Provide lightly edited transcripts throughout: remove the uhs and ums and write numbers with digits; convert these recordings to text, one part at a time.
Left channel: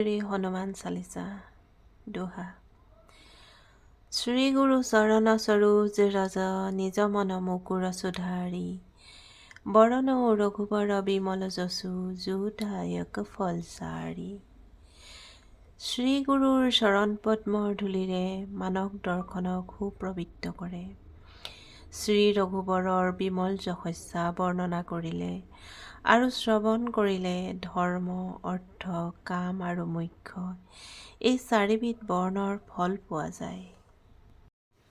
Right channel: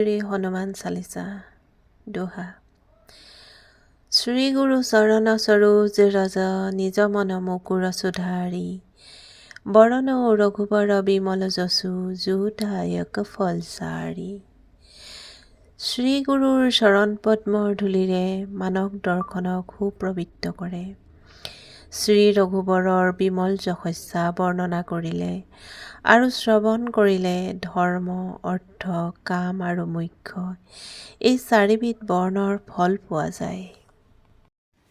শ্ৰী হনুমান চালিসা দোহা। শ্ৰী গুৰু চৰণ সৰোজ ৰজ নিজ মন মুকুৰ সুধাৰি বৰণ ৰঘুবৰ বিমল যশু যোদায়ক ফলচাৰি। শ্ৰী গুৰুৰ চৰণ পদ্মৰ ধূলিৰে মানৱ দৰ্শনক সুপ্ৰবৃত্ত কৰে। শ্ৰী ৰঘুবৰৰ বিমল যশস্যা বৰ্ণনা কৰিলে আৰু শ্ৰৱণ কৰিলে ধৰ্ম অৰ্থ কাম আৰু মোক্ষ এই চাৰিবিধ বৰ্ণৰ ফল পোৱা যায়।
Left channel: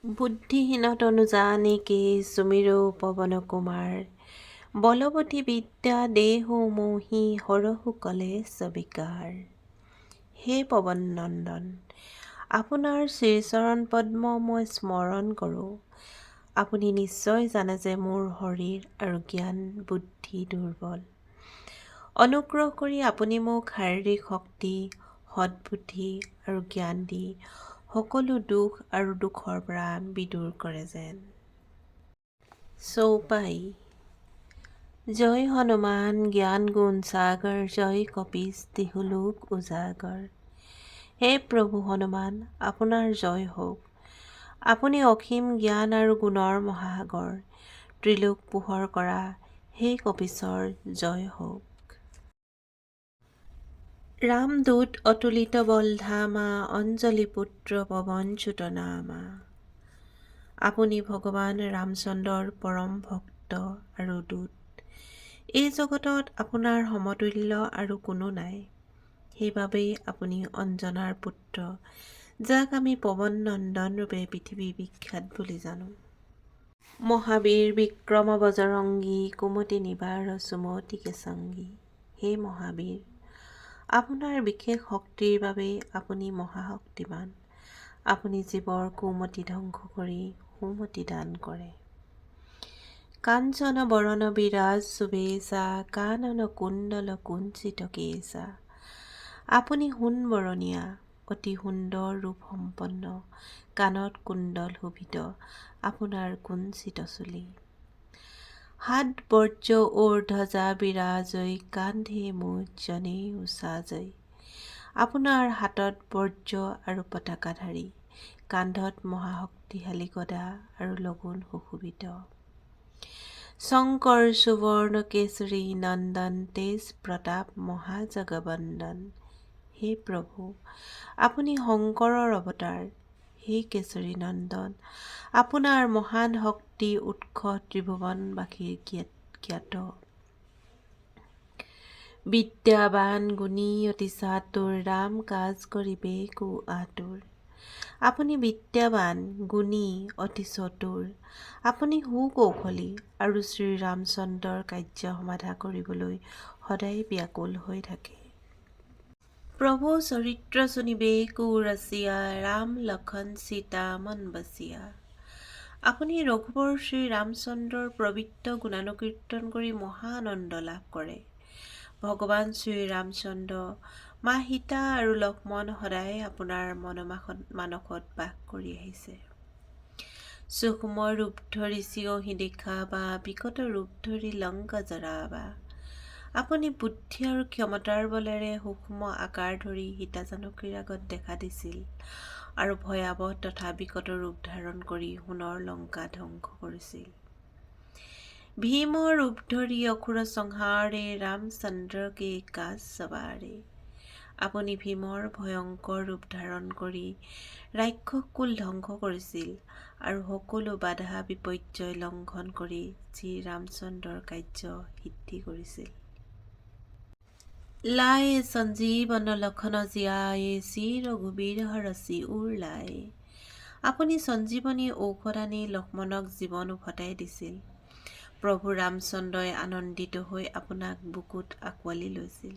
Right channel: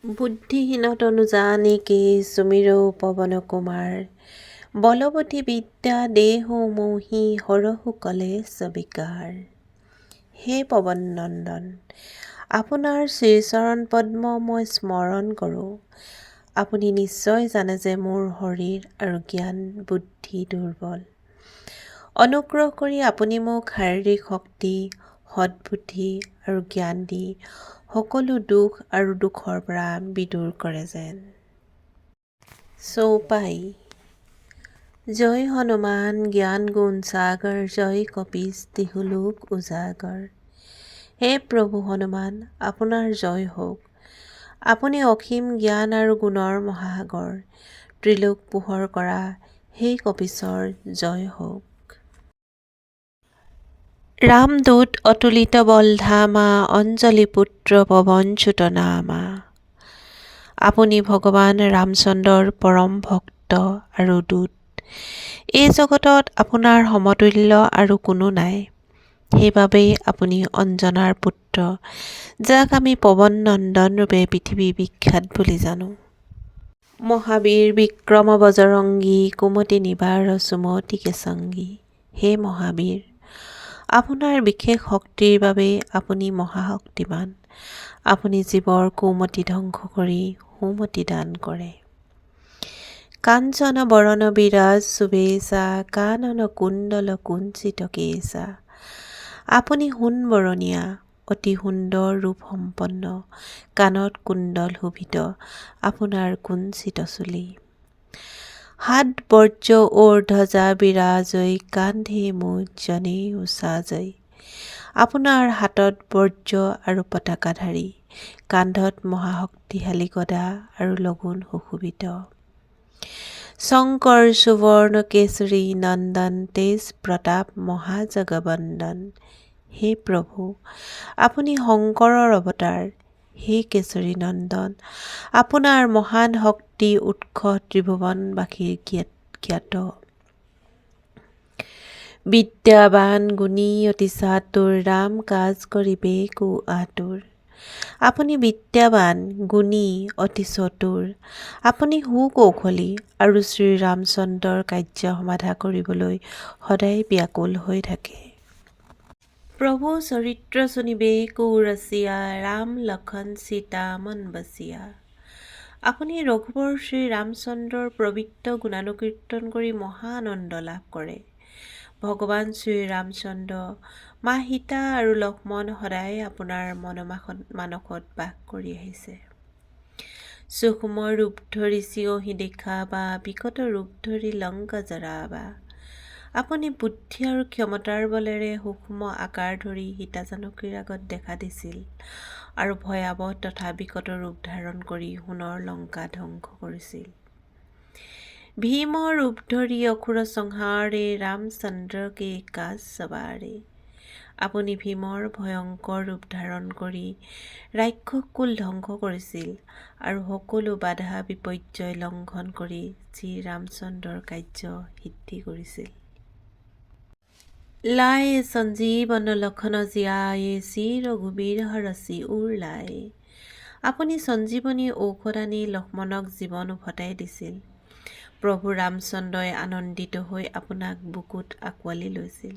বুদ্ধিহীন তনু জানিকে সুমিৰৌ পৱন কুমাৰ বলৱতী বিদ্যা দেহো মোহি হৰহু কলেশ বিকাৰ। হে পৱন নন্দন, আপোনাৰ শ্ৰীচৰণ পদ্ম মই স্মৰণ কৰোঁ। আপুনি নিশ্চয় জানে যে মোৰ শৰীৰ আৰু জ্ঞান বুদ্ধি দুৰ্বল। অনুগ্ৰহ কৰি আপুনি মোক শাৰীৰিক শক্তি সদ্বুদ্ধি আৰু জ্ঞান দি সকলো দুখ আৰু দুখৰ পৰা বিদূৰ কৰে যেন। চৌপাই। জয় হনুমান জ্ঞান গুণ সাগৰ জয় কপীশ তিহুলোক উজাগৰ। হে প্ৰভু হনুমান, আপোনাৰ জয় হওক। আপুনি অসীম জ্ঞান আৰু গুণৰ মহাসাগৰ। ত্ৰিলোক পোহৰ কৰা হে কপীশৰ জয় হওক। ৰামদূত অতুলিত বল ধামা অঞ্জলি পুত্ৰ পৱনচ্যুত নামা। আপুনি ভগৱান ৰামচন্দ্ৰৰ পৰম ভক্ত আৰু দূত। এই জগতত আপোনাৰ সমতুল্য আৰু কোনো নাই। সেইবাবেই আপুনি অঞ্জনাৰ পুত্ৰ, যাক আমি পৱন নন্দন ৰূপে পৃথিৱী বিখ্যাত বুলি জানো। মহাবীৰ বিক্ৰম বজৰংগী কুমতি নিবাৰ সুমতি কেশংগী। হে মহাবীৰ, আপোনাৰ বিশেষ শক্তিৰ বাবেই আপুনি মহাশক্তিমান। আপুনি জীৱৰ কুমতি ধ্বংস কৰি সুমতি দান কৰে। কাঞ্চন বৰন বিৰাজ সুবেশা কানন কুণ্ডল কুঞ্চিত কেশা। আপুনি সোণ বৰণীয়া অতি সুন্দৰ ৰূপ সম্পন্ন। কাণত কুণ্ডল শোভিত আপোনাৰ কুঞ্চিত চুলি। হাত বৰ্জ ওৰ ধ্বজা বিৰাজৈ কান্ধে মুজ জনেऊ সাজৈ। আপোনাৰ হাতত বৰ্জ আৰু পতাকাধাৰী, কান্ধত মহাশক্তিশালী গদা আৰু লগুণ সুশোভিত। শংকৰ সুবৰ্ণ কেশৰী নন্দন তেজ প্ৰতাপ মহাজগবন্দন। হে প্ৰভু, আপুনি শংকৰৰ অৱতাৰ। হে কেশৰী নন্দন, আপোনাৰ মহান শক্তি উৎস ত্ৰিভুৱনবাসীৰ জ্ঞাত। বিদ্যাবান গুণী অতি চাতুৰ ৰাম কাজ কৰিবে কো আতুৰ। আপুনি বিদ্যাবান গুণী অতি চতুৰ। আপুনি সুকৌশলী আৰু শ্ৰীৰামচন্দ্ৰৰ কাৰ্য সমাধা কৰিবলৈ সদায় ব্যাকুল হৈ থাকে। প্ৰভু চৰিত্ৰ শুনিবে কো ৰসিয়া ৰাম লক্ষণ সীতা মন বসিয়া। আপুনি ৰঘুবৰ শ্ৰীৰামচন্দ্ৰৰ পবিত্ৰ গুণানুকীৰ্তন কৰি মহা আনন্দ লাভ কৰে। ভগৱান শ্ৰীৰামচন্দ্ৰ, মা সীতা আৰু লক্ষ্মণ সদায় আপোনাৰ মানসত বাস কৰি আহিছে। সূক্ষ্ম ৰূপ ধৰি চিঞহি দেখাবা বিকট ৰূপ ধৰি লংকা জৰাবা। আপুনি বুদ্ধি আৰু ক্ষমতাৰ বলেৰে সূক্ষ্ম আকাৰ ধৰি সীতা জানকীৰ আগত দেখা দিছিল আৰু ভয়াৱহ তথা বিকট ৰূপ ধাৰণ কৰি সোণৰ লংকা ধ্বংস কৰিছিল। ভীম ৰূপ ধৰি অসুৰ সংহাৰে ৰামচন্দ্ৰকে কাজ সবাৰে। আপুনি ভীমৰ ভয়ংকৰ ৰূপ ধাৰণ কৰি ৰাক্ষস কুল ধ্বংস কৰিছিল আৰু সকলো বাধা বিপৰ্যয় লংঘন কৰি শ্ৰীৰামচন্দ্ৰৰ কাৰ্য সিদ্ধি কৰিছিল। লায়ে সঞ্জীৱন লক্ষণ জিয়ায়ে শ্ৰী ৰঘুবীৰ হৰষি উৰ লায়ে। আপুনি সঞ্জীৱনী ঔষধ আনি লক্ষ্মণক জীৱন উভতাই দিছিল। প্ৰভু ৰামচন্দ্ৰই আনন্দিত হৈ আপোনাক বুকুত আঁকোৱালি লৈছিল।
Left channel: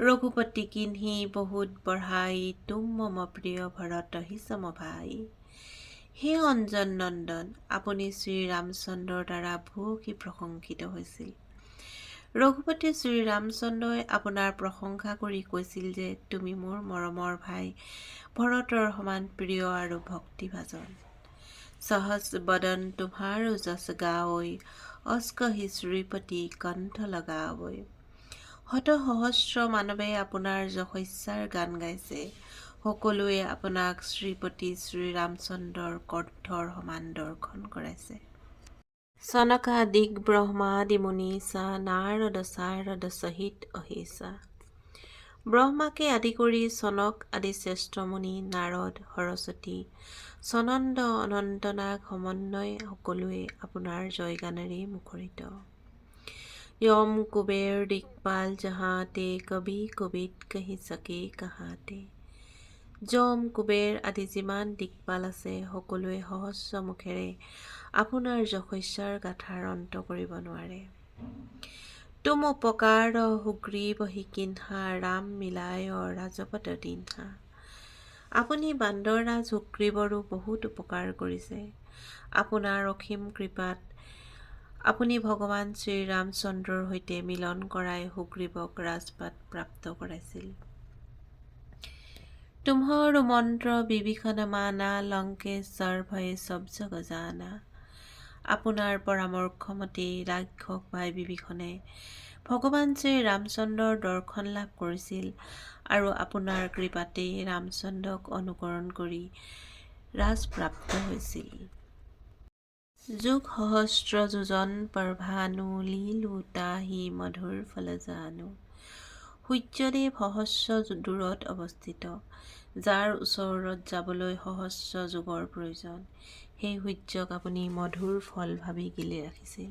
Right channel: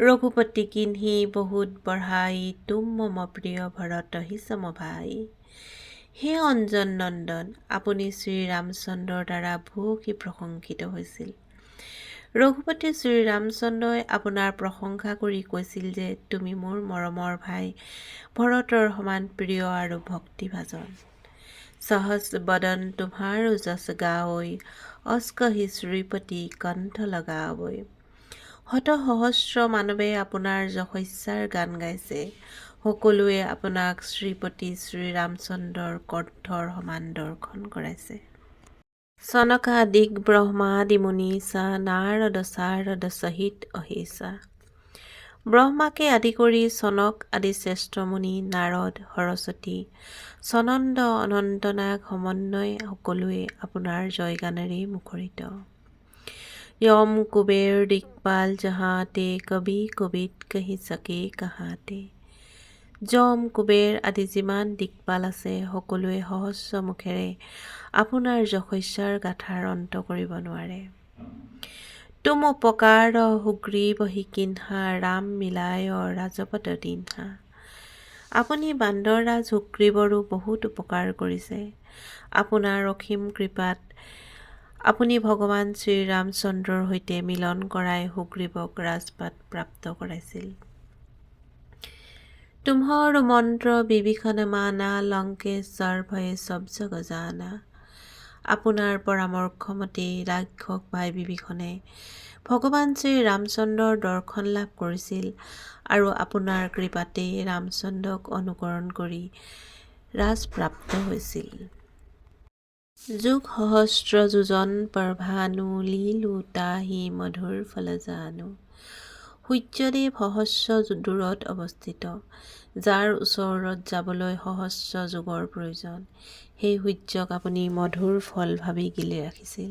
ৰঘুপতি কিন্হি বহুত বঢ়াই তুম মম প্ৰিয় ভৰতহি সম ভাই। হে অঞ্জন নন্দন, আপুনি শ্ৰীৰামচন্দ্ৰৰ দ্বাৰা ভূয়সী প্ৰশংসিত হৈছিল। ৰঘুপতি শ্ৰীৰামচন্দ্ৰই আপোনাৰ প্ৰশংসা কৰি কৈছিল যে তুমি মোৰ মৰমৰ ভাই ভৰতৰ সমান প্ৰিয় আৰু ভক্তিভাজন। সহজ বদন তোমাৰো যশ গাৱৈ অস্কহি শ্ৰীপতি কণ্ঠ লগাৱৈ। শত সহস্ৰ মানৱে আপোনাৰ যশস্যাৰ গান গাইছে। সকলোৱে আপোনাক শ্ৰীপতি শ্ৰীৰামচন্দ্ৰৰ কণ্ঠৰ সমান দৰ্শন কৰাইছে। চনকাদিক ব্ৰহ্মাদি মুনীচা নাৰদ চাৰদ সহিত অহিছা। ব্ৰহ্মাকে আদি কৰি চনক আদি শ্ৰেষ্ঠ মুনি নাৰদ সৰস্বতী সনন্দ অনন্তনাগ সমন্বয় সকলোৱে আপোনাৰ জয়গানেৰে মুখৰিত। यम कुबेर दिक्पाल जहाँते कवि कवित कহি सके कहाँते। যম কুবেৰ আদি যিমান দিকপাল আছে সকলোৱে সহস্ৰ মুখেৰে আপোনাৰ যশস্যাৰ গাথাৰ অন্ত কৰিব নোৱাৰে। তুম উপকাৰ সুগ্ৰীৱ কিন্হা ৰাম মিলায় ৰাজপদ দিনহা। আপুনি বান্দৰৰাজ সুগ্ৰীৱৰো বহুত উপকাৰ কৰিছে। আপোনাৰ অসীম কৃপাত আপুনি ভগৱান শ্ৰীৰামচন্দ্ৰৰ সৈতে মিলন কৰাই সুগ্ৰীৱক ৰাজপাট প্ৰাপ্ত কৰাইছিল। তুমহৰ মন্ত্ৰ বিভীষণ মানা লংকেশ্বৰ ভয়ে সব জগ জানা। আপোনাৰ পৰামৰ্শ মতে ৰাক্ষস ভাই বিভীষণে ভগৱান শ্ৰীৰামচন্দ্ৰৰ দৰ্শন লাভ কৰিছিল আৰু আপোনাৰ কৃপাতেই ৰামচন্দ্ৰক অনুকৰণ কৰি ৰাজপ্ৰাপ্ত হৈছিল। যুগ সহস্ৰ যোজন পৰভানু লীলো তাহি মধুৰ ফল জানো। সূৰ্যদেৱ সহস্ৰ দূৰত অৱস্থিত, যাৰ ওচৰত যাবলৈ সহস্ৰ যুগৰ প্ৰয়োজন। সেই সূৰ্যক আপুনি মধুৰ ফল ভাবি গিলি ৰাখিছিল।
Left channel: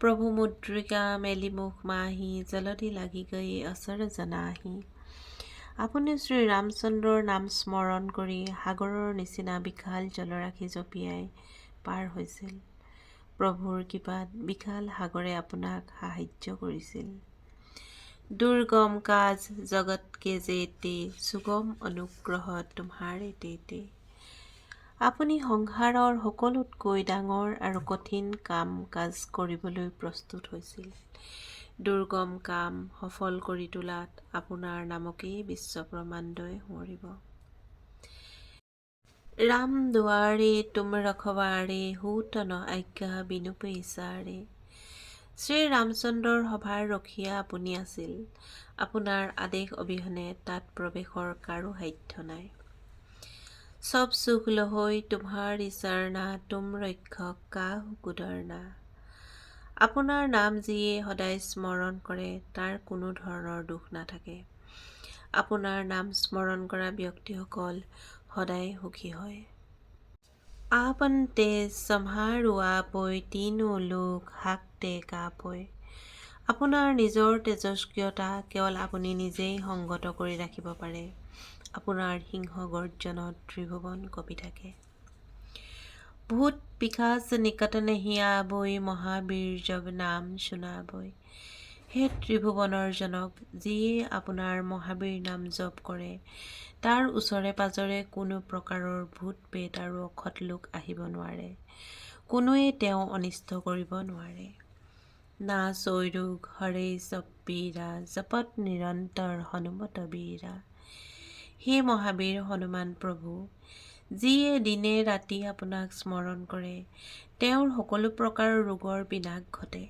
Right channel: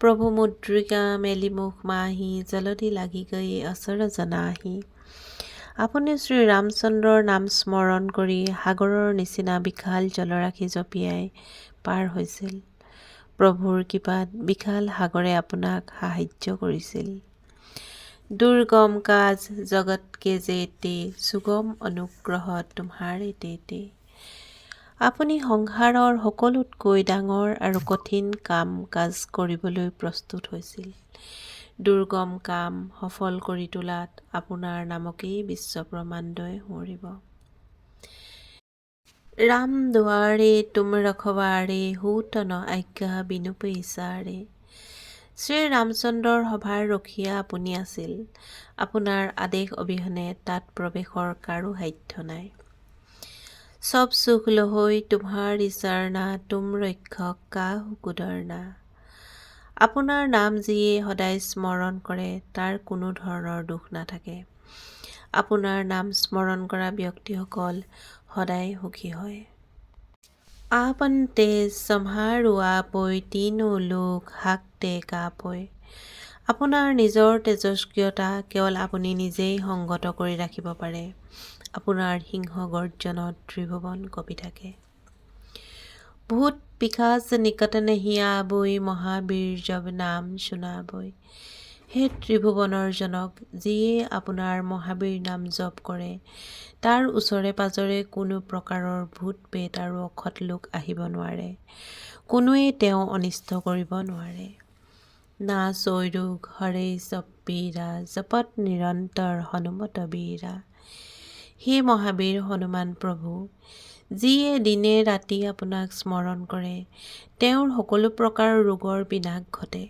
প্ৰভু মুদ্ৰিকা মেলি মুখ মাহি জলদি লাগি গৈ অচৰ জনাহি। আপুনি শ্ৰীৰামচন্দ্ৰৰ নাম স্মৰণ কৰি সাগৰৰ নিচিনা বিশাল জলৰাশি জঁপিয়াই পাৰ হৈছিল। প্ৰভুৰ কৃপাত বিশাল সাগৰে আপোনাক সাহায্য কৰিছিল। দুৰ্গম কাজ জগত কে যেতে সুগম অনুগ্ৰহ তুমহাৰে তেতে। আপুনি সংসাৰৰ সকলোতকৈ ডাঙৰ আৰু কঠিন কাম কাজ কৰিবলৈ প্ৰস্তুত হৈছিল। দুৰ্গম কাম সফল কৰি তোলাত আপোনাৰ নামকেই বিশ্ব ব্ৰহ্মাণ্ডই সুঁৱৰিব। ৰাম দুৱাৰে তুম ৰখৱাৰে হোত ন আজ্ঞা বিনু পৈচাৰে। শ্ৰীৰামচন্দ্ৰৰ সভাৰ ৰখীয়া আপুনি আছিল। আপোনাৰ আদেশ অবিহনে তাত প্ৰৱেশৰ কাৰো সাধ্য নাই। সব সুখ লহৈ তুমহাৰি চৰণা তুম ৰক্ষক কাহু কুদৰনা। আপোনাৰ নাম যিয়ে সদায় স্মৰণ কৰে তাৰ কোনো ধৰণৰ দুখ নাথাকে। আপোনাৰ নাম স্মৰণ কৰা ব্যক্তিসকল সদায় সুখী হয়। আপন তেজ সম্হাৰো আপৈ তিনো লোক হাকতে কাপৈ। আপোনাৰ নিজৰ তেজস্ক্ৰিয়তা কেৱল আপুনি নিজেই সংগত কৰি ৰাখিব পাৰে। আপোনাৰ সিংহ গৰ্জনত ত্ৰিভুৱন কঁপি থাকে। ভূত পিশাচ নিকট নেহি আবৈ মহাবীৰ জব নাম শুনাবৈ। হে ত্ৰিভুৱনৰ জনক, যিয়ে আপোনাৰ মহাবীৰ নাম জপ কৰে তাৰ ওচৰে পাজৰে কোনো প্ৰকাৰৰ ভূত প্ৰেত আৰু অসৎ লোক আহিব নোৱাৰে। কোনোৱেই তেওঁ অনিষ্ট কৰিব নোৱাৰে। না চৈৰোগ হৰে সব পীৰা জপত নিৰন্তৰ হনুমত বীৰা। হে মহাবীৰ হনুমান প্ৰভু, যিয়ে দিনে ৰাতি আপোনাক স্মৰণ কৰে তেওঁৰ সকলো প্ৰকাৰৰ ৰোগৰ বিনাশ ঘটে।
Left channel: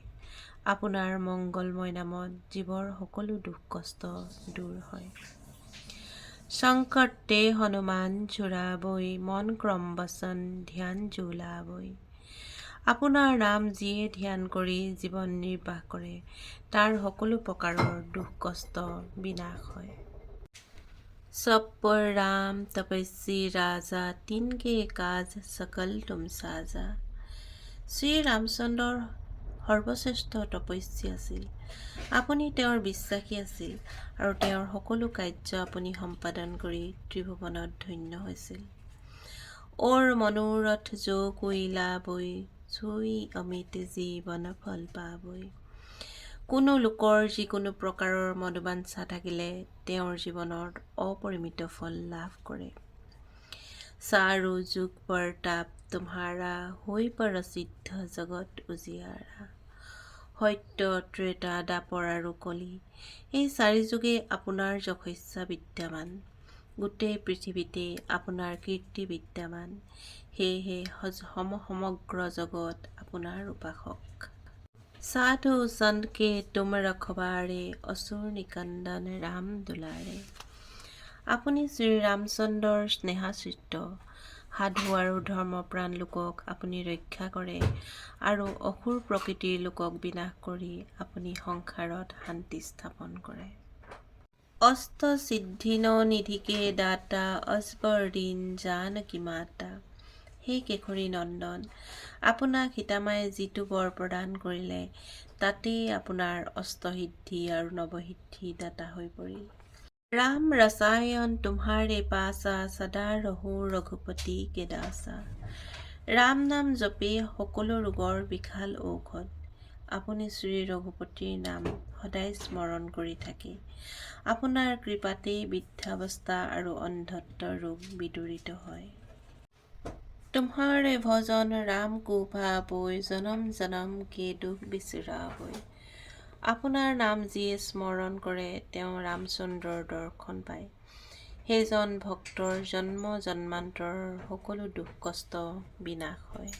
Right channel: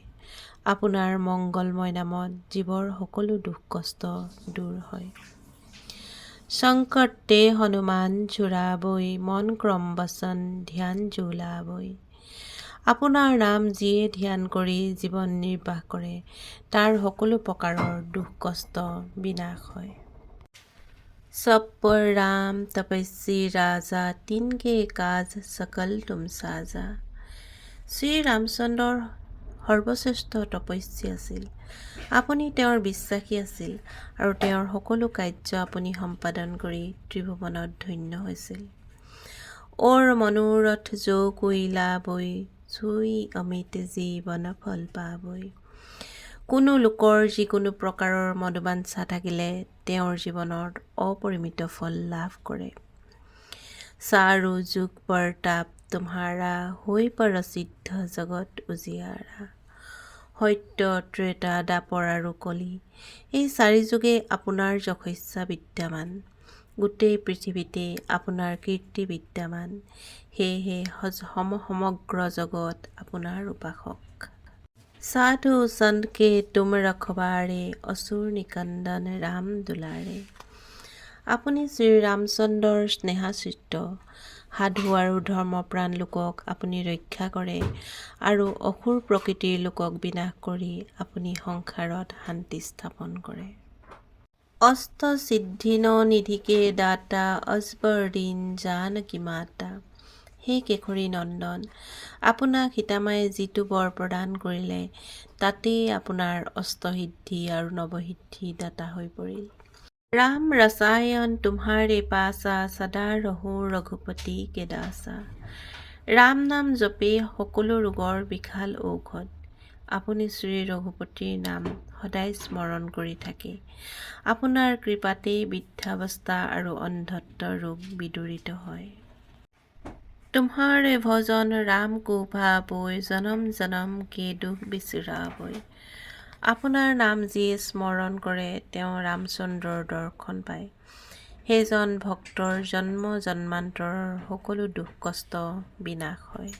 আপোনাৰ মংগলময় নামত জীৱৰ সকলো দুখ কষ্ট দূৰ হয়। সংকট তে হনুমান ছুড়াবৈ মন ক্ৰম বচন ধ্যান জো লাবৈ। আপোনাৰ নাম যিয়ে ধ্যান কৰি জীৱন নিৰ্বাহ কৰে তাৰ সকলো প্ৰকাৰৰ দুখ কষ্ট বিনাশ হয়। সব পৰ ৰাম তপস্বী ৰাজা তিনকে কাজ সকল তুম সাজা। শ্ৰীৰামচন্দ্ৰৰ সৰ্বশ্ৰেষ্ঠ তপস্বী আছিল। আপুনি তেওঁৰ বিশ্বাসী আছিল আৰু তেওঁৰ সকলো কাৰ্য আপুনি সম্পাদন কৰি ত্ৰিভুৱনত ধন্য হৈছিল। ওৰ মনোৰথ যো কোই লাবৈ ছুই অমিত জীৱন ফল পাবৈ। কোনো লোকৰ যিকোনো প্ৰকাৰৰ মনোবাঞ্ছা থাকিলে তেওঁৰ জীৱনত অপৰিমিত ফল লাভ কৰে। চাৰো যুগ পৰতাপ তুমহাৰা হৈ প্ৰসিদ্ধ জগত উজিয়াৰা। সত্য ত্ৰেতা দাপৰ আৰু কলি, এই চাৰি যুগে আপোনাৰ যশস্যা বিদ্যমান। গোটেই পৃথিৱীতে আপোনাৰ কীৰ্তি বিদ্যমান। সেয়েহে সমগ্ৰ জগত আপোনাৰ উপাসক। साधु संत के तुम रखवारे असुर निकंदन राम दुलारे। আপুনি শ্ৰীৰামচন্দ্ৰৰ স্নেহাচিত্ৰ সাধু আৰু ধৰ্মপ্ৰাণ লোকক আপুনি ৰক্ষা কৰে আৰু অসুৰ প্ৰকৃতিৰ লোকক বিনাশ কৰি আপুনি সংসাৰত শান্তি স্থাপন কৰে। অষ্ট সিদ্ধিন নিধিকে দাতা অজবৰদীন জানকী মাতা। হে কেশৰী নন্দন, আপোনাক সীতামায়ে যিটো বৰ প্ৰদান কৰিলে তাতেই আপোনাৰ অষ্টসিদ্ধি আৰু নৱসিদ্ধি দাতা হৈ পৰিল। राम रसायन तुम्हारे पासा सदा रहो रघुपति के दासा। ৰাম নাম জপে সকলো ৰোগৰ বিশাল ঔষধ। আপুনি শ্ৰী ৰঘুপতিৰ নাম সদায় স্মৰণ কৰি থাকে। আপোনাৰ কৃপাতেই বৃদ্ধাৱস্থা আৰু অন্ধত্ব ৰোগ বিদূৰিত হয়। तुम्हारे भजन राम को भावै जन्म जन्म के दुख बिसरावै। আপোনাৰ নাম যিয়ে স্মৰণ কৰে তেওঁ ৰামচন্দ্ৰৰ দৰ্শন পায়। সেইজন ভক্তৰ জন্ম জন্মান্তৰৰ সকলো দুখ কষ্ট বিনাশ হয়।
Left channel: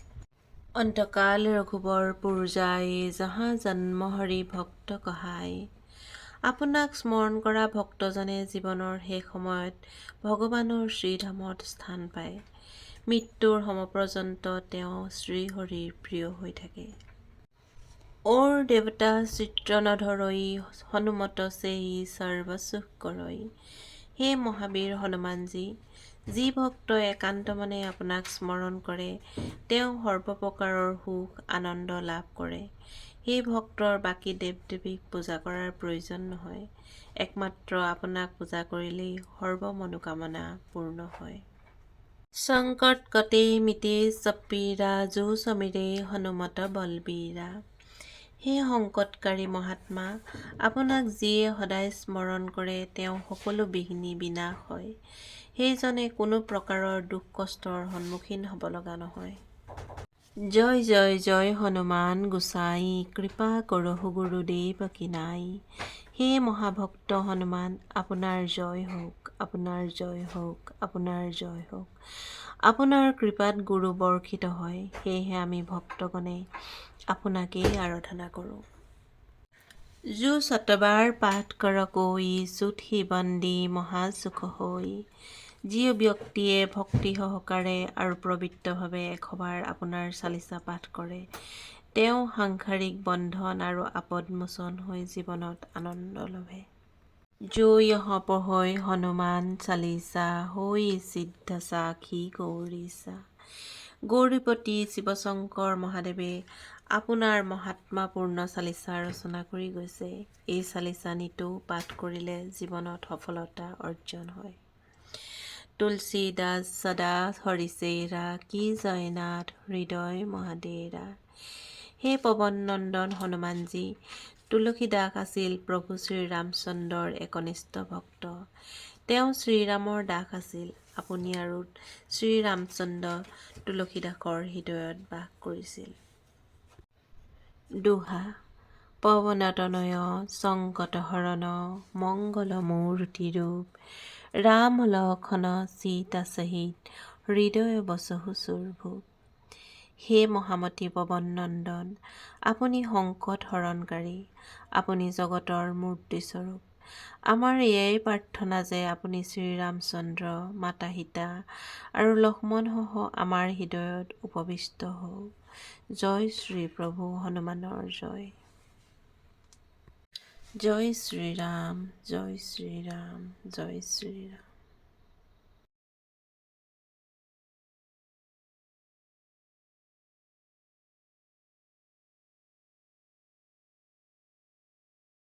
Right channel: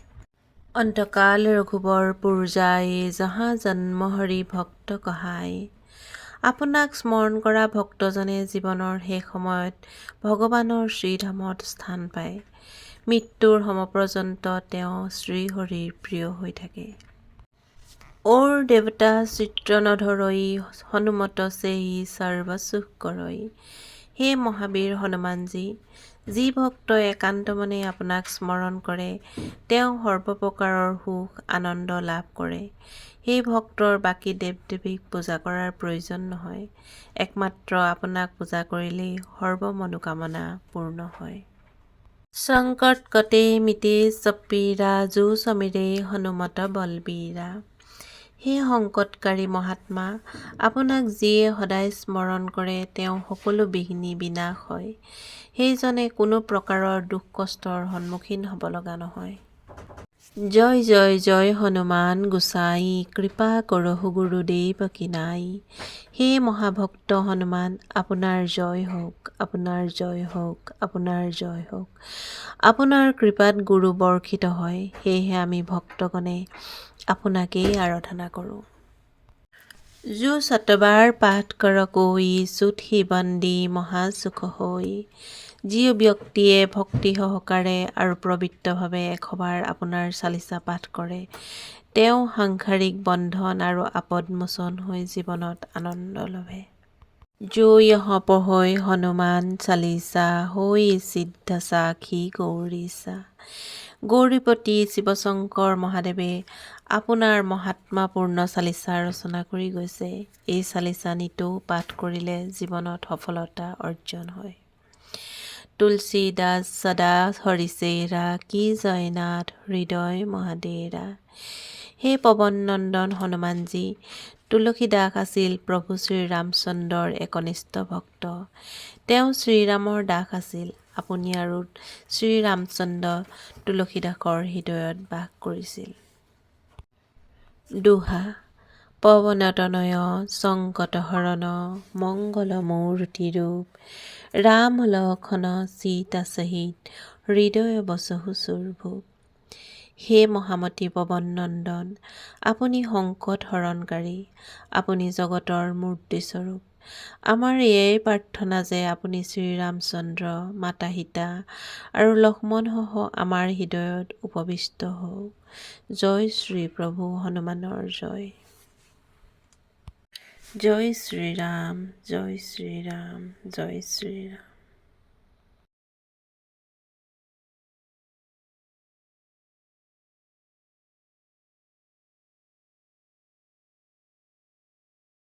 অন্তকাল ৰঘুবৰ পুৰ যায় জহা জন্ম হৰি ভক্ত কহায়। আপোনাক স্মৰণ কৰা ভক্তজনে জীৱনৰ শেষ সময়ত ভগৱানৰ শ্ৰীধামত স্থান পায়। মৃত্যুৰ সমপৰ্যন্ত তেওঁ শ্ৰীহৰিৰ প্ৰিয় হৈ থাকে। ওৰ দেৱতা চিত্ৰ নধৰই হনুমত সেই সৰ্বসুখ কৰই। হে মহাবীৰ হনুমানজী, যি ভক্তই একান্ত মনে আপোনাক স্মৰণ কৰে তেওঁ সৰ্বপ্ৰকাৰৰ সুখ আনন্দ লাভ কৰে। সেই ভক্তৰ বাকী দেৱ দেৱীক পূজা কৰাৰ প্ৰয়োজন নহয়। একমাত্ৰ আপোনাক পূজা কৰিলেই সৰ্ব মনোকামনা পূৰ্ণ হয়। সংকট কটে মিটে সব পীৰা যো সমীৰে হনুমত বলবীৰা। হে সংকটকাৰী মহাত্মা, আপোনাক যিয়ে সদায় স্মৰণ কৰে তেওঁ সকলো বিঘ্নি বিনাশ হয়। সেইজনে কোনো প্ৰকাৰৰ দুখ কষ্টৰ সন্মুখীন হ'ব লগা নহয়। জয় জয় জয় হনুমান গোসাই কৃপা কৰহু গুৰুদেৱ কি নাই। হে মহাভক্ত হনুমান, আপোনাৰ জয় হওক, আপোনাৰ জয় হওক, আপোনাৰ জয় হওক। আপোনাৰ কৃপাত গুৰু বৰ্ষিত হয়, সেয়েহে আমি ভক্তগণে আপোনাকেই আৰাধনা কৰোঁ। जो শতবাৰ পাঠ কৰ কৈ চুত সি বন্দী মহাসুখ হৈ। যি ব্যক্তিয়ে ভক্তি সহকাৰে আৰু পবিত্ৰভাৱে এশবাৰ আপোনাৰ চালিচা পাঠ কৰে তেওঁ সাংসাৰিক বন্ধন আৰু আপদমোচন হৈ জীৱনত আনন্দ লভে। जो यह पढ़ै हनुमान चालीसा হৈ সিদ্ধ সাখী গৌৰীছা। গৌৰীপতি শিৱশংকৰ মহাদেৱে আপোনাৰ মহাত্মাপূৰ্ণ চালিচা ৰচনা কৰি গৈছে। এই চালিচা নিতৌ পাঠ কৰিলে জীৱনত সফলতা অৰ্জন হয়। তুলসী দাস সদা হৰিচেৰা কি জয়নাথ হৃদয় মহাদেৰা। হে পৱন নন্দন হনুমানজী, তুলসী দাস আছিল প্ৰভু শ্ৰীৰামচন্দ্ৰৰ একনিষ্ঠ ভক্ত। তেওঁ শ্ৰীৰামৰ দাস আছিল। আপুনি আৰু শ্ৰীৰামচন্দ্ৰ তুলসীদাসৰ হৃদয়ত বাস কৰিছিল। দোহা। পৱনতনয় সংকটহৰণ মংগল মূৰ্তি ৰূপ। ৰাম লক্ষ্মণ সীতা সহিত হৃদয় বসহু সুৰভূপ। হে মহামতি পৱন নন্দন, আপুনি সংকট হৰণকাৰী, আপুনি জগতৰ মূৰ্তিস্বৰূপ। আমাৰ এয়াই প্ৰাৰ্থনা যে আপুনি শ্ৰীৰামচন্দ্ৰ মাতা সীতা আৰু লক্ষ্মণসহ আমাৰ হৃদয়ত উপবিষ্ট হওক। জয় শ্ৰী প্ৰভু হনুমানৰ জয়। জয় শ্ৰীৰাম, জয় শ্ৰীৰাম, জয় শ্ৰীৰাম।